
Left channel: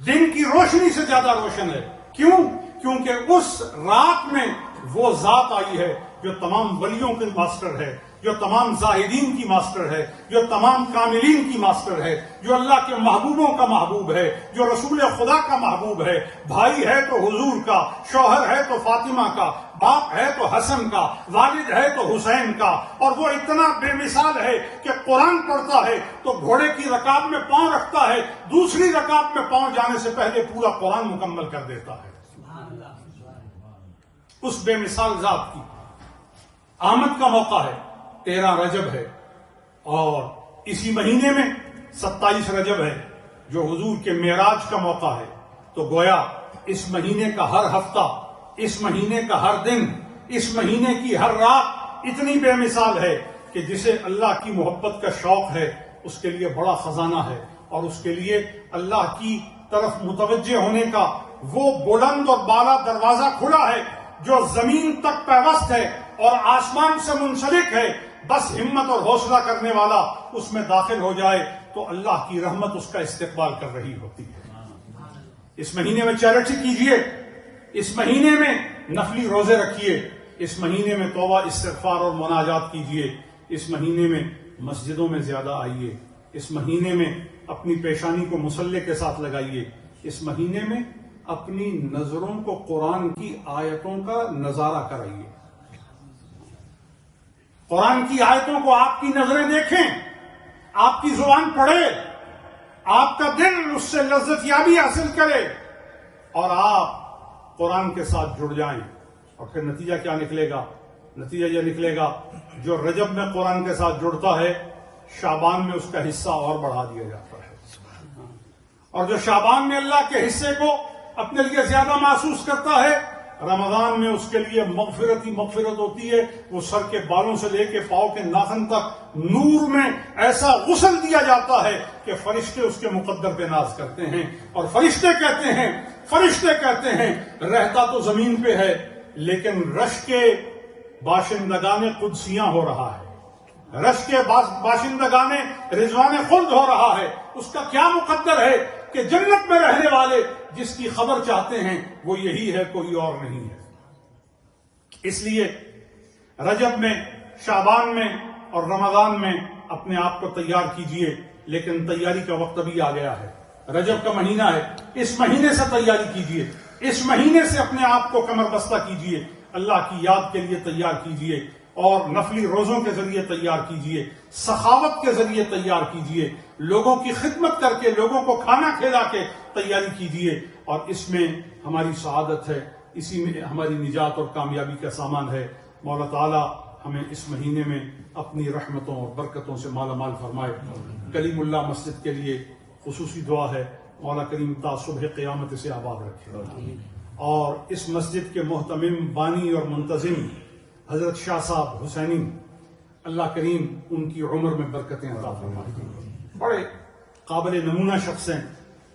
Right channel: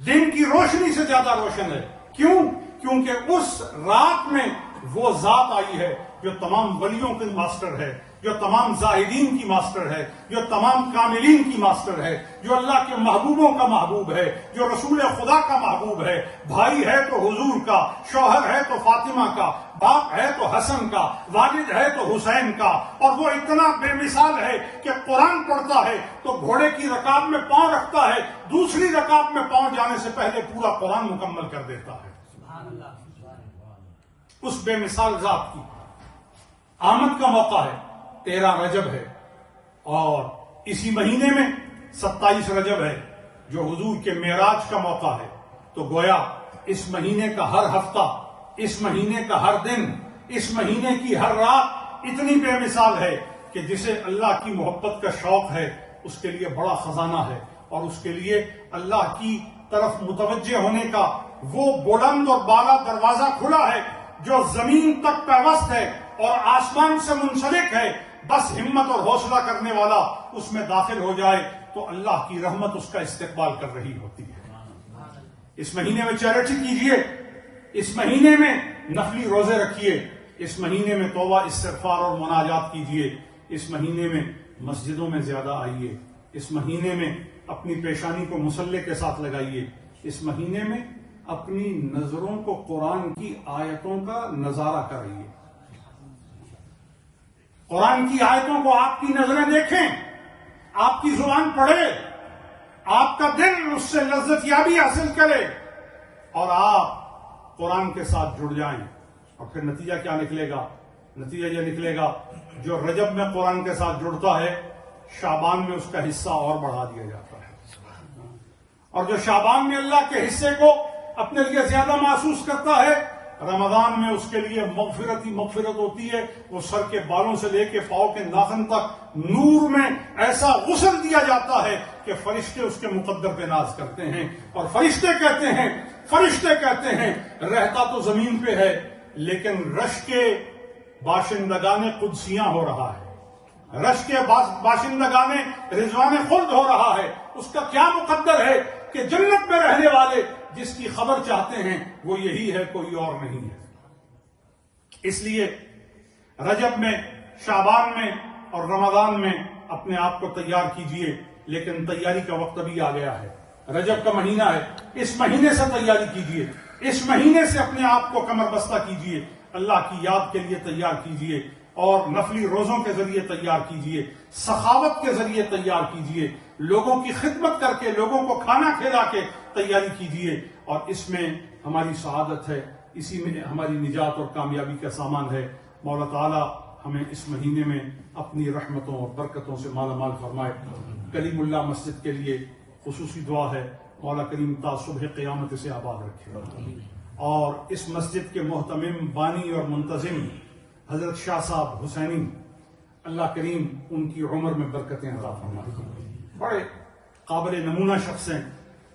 دن کی روشنی سے زیادہ روشن ہے۔ کیوں؟ کیونکہ اس رات میں وہ ذات آئی ہے جو تمام ولیوں کی ماسٹر ہے، جو تمام زاہدین کی ماسٹر ہے، جو تمام کاملین کی ماسٹر ہے، جو اللہ کے محبوبوں کا محبوب ہے، جو رسول خدا کا محبوب ہے۔ بھائی ہے تو حضور کا، شوہر ہے تو فاطمہ کا، باپ ہے تو حسن کا، والد ہے تو حسین کا، اور وہ اتنا بے مثال ہے کہ قرآن پڑھتا ہے تو گھوڑے کی رکاب میں پاؤں رکھتا ہے، دوسری رکاب میں پاؤں جانے سے پہلے پورا قرآن مکمل کر دیتا ہے۔ اس بے مثال ذات کی آمد کا موقع ہے، 13 رجب ہے، اور اسی مہینے میں 27 رجب ہے جو حضور کے معراج کا موقع ہے۔ تو گویا اس مہینے کا ہر ہفتہ، اس مہینے کا ہر دن، اس مہینے کی ہر رات اتنی بے مثال ہے کہ جسے اللہ کی محبت کا شوق ہے اس کے لیے بڑا خزانہ ہے، اور اس کے لیے اللہ کی طرف متوجہ ہونے کا وہ بلند اور بالا دروازہ کھلا ہے جو زمین تک پیوست ہے اور آسمان سے منسلک ہے۔ بس ہمت اور حوصلہ کرنے والا اس میں داخل ہو جائے تو اللہ کی رحمت اس کا استقبال کر رہی ہوتی ہے۔ اس مہینے میں چیریٹی کیجئے، اس مہینے میں نفلی روزے رکھیے، اس مہینے میں توبہ استغفار اور مناجات کیجئے، اس مہینے میں مسجدوں میں زیادہ آئیے، اس مہینے میں اپنی پیشانی کو مصلے کے ساتھ لگائیے، اس مہینے میں اپنی نظروں کو قرآن کی آیتوں کا نظارہ کرائیے۔ قرآن کی آیتوں کو آپ کی نظریں دیکھیں، آپ کی زبان پڑھے، آپ کا دل اس سے لذت یابی حاصل کرے، اور آپ قرآن کے ساتھ جڑ جائیں۔ اور پھر نتیجہ کیا نکلے گا؟ نتیجہ یہ نکلے گا جو رجب میں قرآن کے ساتھ جڑتا ہے شعبان میں اس کا حصہ اور بڑھا دیا جاتا ہے، اور جو شعبان میں اللہ کے حصے کو اپنے لیے زیادہ محسوس کرتا ہے رمضان میں اس کے لیے مغفرت ہی مغفرت ہوتی ہے۔ وہ سر کے بالوں سے لے کے پاؤں کے ناخن تک نور میں ایسا غسل دیا جاتا ہے کہ فرشتے اس کے مقدر پہ ناز کرتے ہیں، اور فرشتے کہتے ہیں رہتا تو زمین پہ ہے لیکن رش کے باشندگان قدسیاں ہو رہا ہے، رش کے باشندگان رضوان خلد ہو رہا ہے۔ اس کا کیا مقدر ہے کہ جنت میں رہنے والے جس کی خبر چاہتے ہیں وہ یہی ہے، کوئی اور نہیں ہے۔ اس لیے رجب میں، شعبان میں اور رمضان میں اپنے آپ کو تیار کیجئے، لیکن تیاری کا وقت ابھی آ گیا ہے۔ رجب کا مہینہ ہے، اس مہینے سے تیاری کیجئے، اس مہینے سے اپنے آپ کو کمر بستہ کیجئے، اللہ کی یاد کے لیے تیار کیجئے، اور نفلی روزوں کے ذریعے تیار کیجئے، سخاوت کے ذریعے تیار کیجئے، لوگوں کی خدمت کر کے، لوگوں کو کھانا کھلا کے تیاری کیجئے، اور اس میں ہماری سعادت ہے، اسی میں ہماری نجات اور کامیابی کا سامان ہے۔ مولا تعالیٰ ہمیں اس مہینے میں اپنی رحمتوں اور برکتوں سے مالا مال فرمائے۔ کلیم اللہ مسجد کے لیے خصوصی دعا ہے، مولا کریم تا صبح قیامت سے آباد رکھے، اور اس مسجد کے محتمم، بانی اور منتظم حضرت شاہ صاحب حسینی، اللہ کریم ان کی عمر میں برکتیں عطا فرمائے۔ بڑے قابل نمونہ شخص ہیں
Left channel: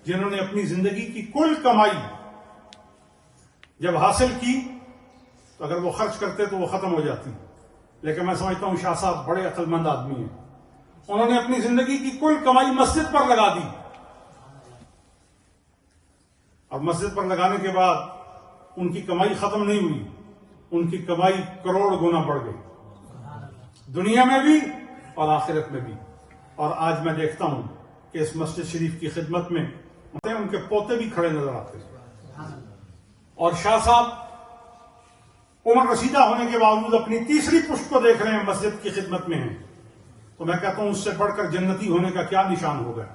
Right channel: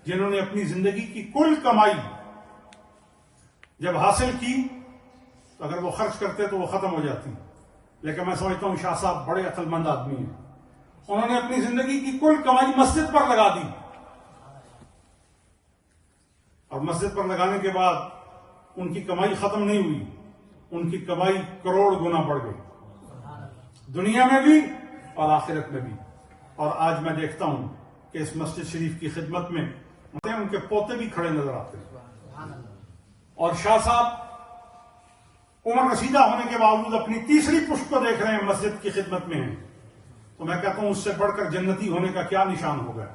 جنہوں نے اپنی زندگی کی کل کمائی جب حاصل کی تو اگر وہ خرچ کرتے تو وہ ختم ہو جاتی، لیکن میں سمجھتا ہوں شاہ صاحب بڑے عقل مند آدمی ہیں۔ انہوں نے اپنی زندگی کی کل کمائی مسجد پر لگا دی، اور مسجد پر لگانے کے بعد ان کی کمائی ختم نہیں ہوئی، ان کی کمائی کروڑ گنا بڑھ گئی، دنیا میں بھی اور آخرت میں بھی۔ اور آج میں دیکھتا ہوں کہ اس مسجد شریف کی خدمت میں ان کے پوتے بھی کھڑے نظر آتے ہیں، اور شاہ صاحب عمر رسیدہ ہونے کے باوجود اپنی تیسری پشت کو دیکھ رہے ہیں، مسجد کی خدمت میں ہیں۔ تو میں کہتا ہوں اس سے بڑھ کر جنتی ہونے کا کیا نشان ہوگا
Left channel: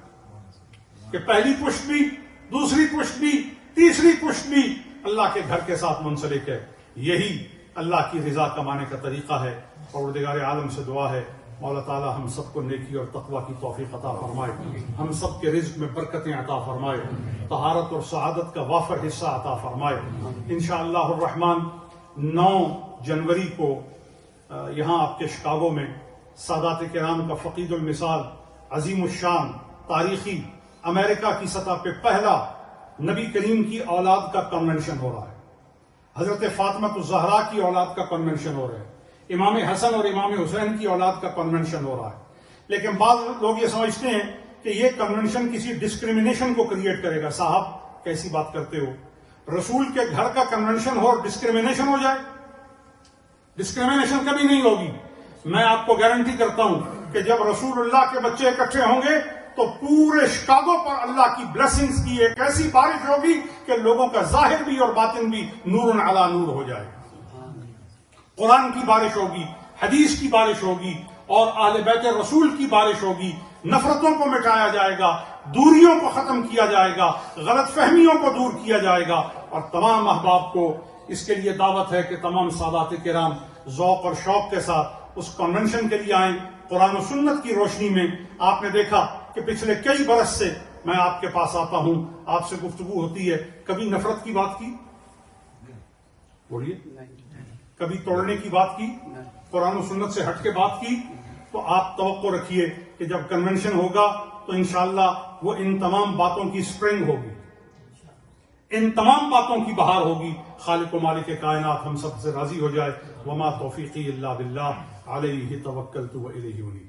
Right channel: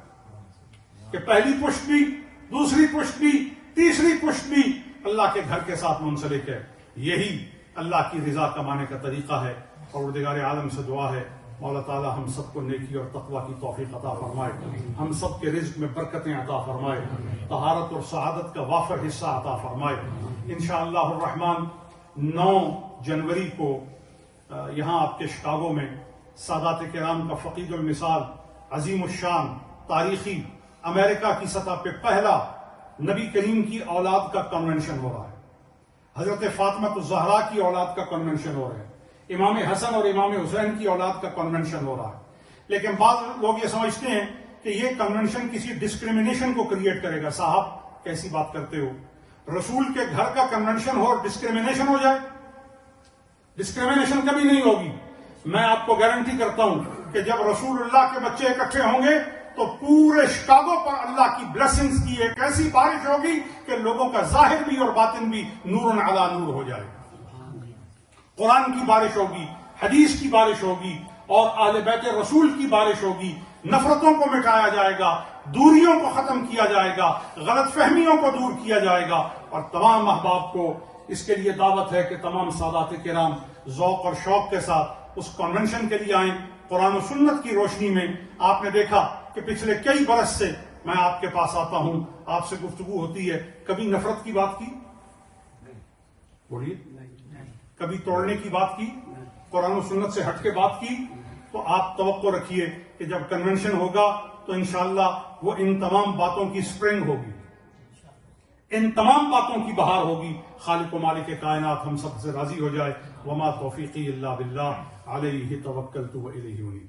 کہ پہلی پشت بھی، دوسری پشت بھی، تیسری پشت بھی اللہ کے گھر کے ساتھ منسلک ہے۔ یہی اللہ کی رضا کمانے کا طریقہ ہے۔ پروردگار عالم سے دعا ہے مولا تعالی ہم سب کو نیکی اور تقوی کی توفیق عطا فرمائے، ہم سب کے رزق میں برکتیں عطا فرمائے، طہارت اور سعادت کا وافر حصہ عطا فرمائے۔ انشاءاللہ الرحمن 9 جنوری کو یہاں آپ کے شکاگو میں سادات کرام کا فقید المثال، عظیم الشان، تاریخی، امریکہ کی سطح پہ پہلا نبی کریم کی اولاد کا کنونشن ہو رہا ہے، حضرت فاطمہ الزہرا کی اولاد کا کنونشن ہو رہا ہے، امام حسن اور امام حسین کی اولاد کا کنونشن ہو رہا ہے. لیکن بعض لوگ یہ سمجھتے ہیں کہ یہ کنونشن کسی ڈسکریمنیشن کو کریٹ کرے گا. صاحب کیسی بات کرتے ہو؟ رسول کے گھر کا کنونشن ہو اور ڈسکریمنیشن ہو جائے؟ ڈسکریمنیشن کبھی نہیں ہوگی. میں آپ کو گارنٹی کرتا ہوں کہ جب رسول اللہ کے بچے اکٹھے ہوں گے تو پورے شکاگو پر اللہ کی بلیسنگز کی ایک ایسی بارش ہوگی کہ لوگوں کا ظاہر بھی اور باطن بھی نور علی نور ہو جائے گا. قرآن کی بارش ہوگی، حدیث کی بارش ہوگی اور اہل بیت رسول کی بارش ہوگی. نفرتوں کو مٹایا جائے گا، دوریوں کو ختم کیا جائے گا، غلط فہمیوں کو دور کیا جائے گا. اور تمام احباب کو اس کے لیے دعوت ہے کہ تمام سادات کرام ذوق اور شوق کے ساتھ اس کنونشن کے لیے آئیں. قرآن و سنت کی روشنی میں آپ نے دیکھا کہ پچھلے کئی برس سے میں آپ کے پاس آتا ہوں، آپ سے گفتگو ہوتی ہے. کبھی نفرت کی بات کی؟ بولیے. کبھی توڑنے کی بات کی؟ قرآن و سنت سے ہٹ کے بات کی؟ تو آپ توقع رکھیے کہ جب کنونشن ہوگا تو انشاءاللہ وہ ان تمام باتوں کی سپرنگ ہوگی، ان تمام باتوں کی بہار ہوگی. خالق و مالک کائنات ہم سب سے راضی ہو جائے. وما توفیقی الا باللہ علیہ توکلت و الیہ انیب.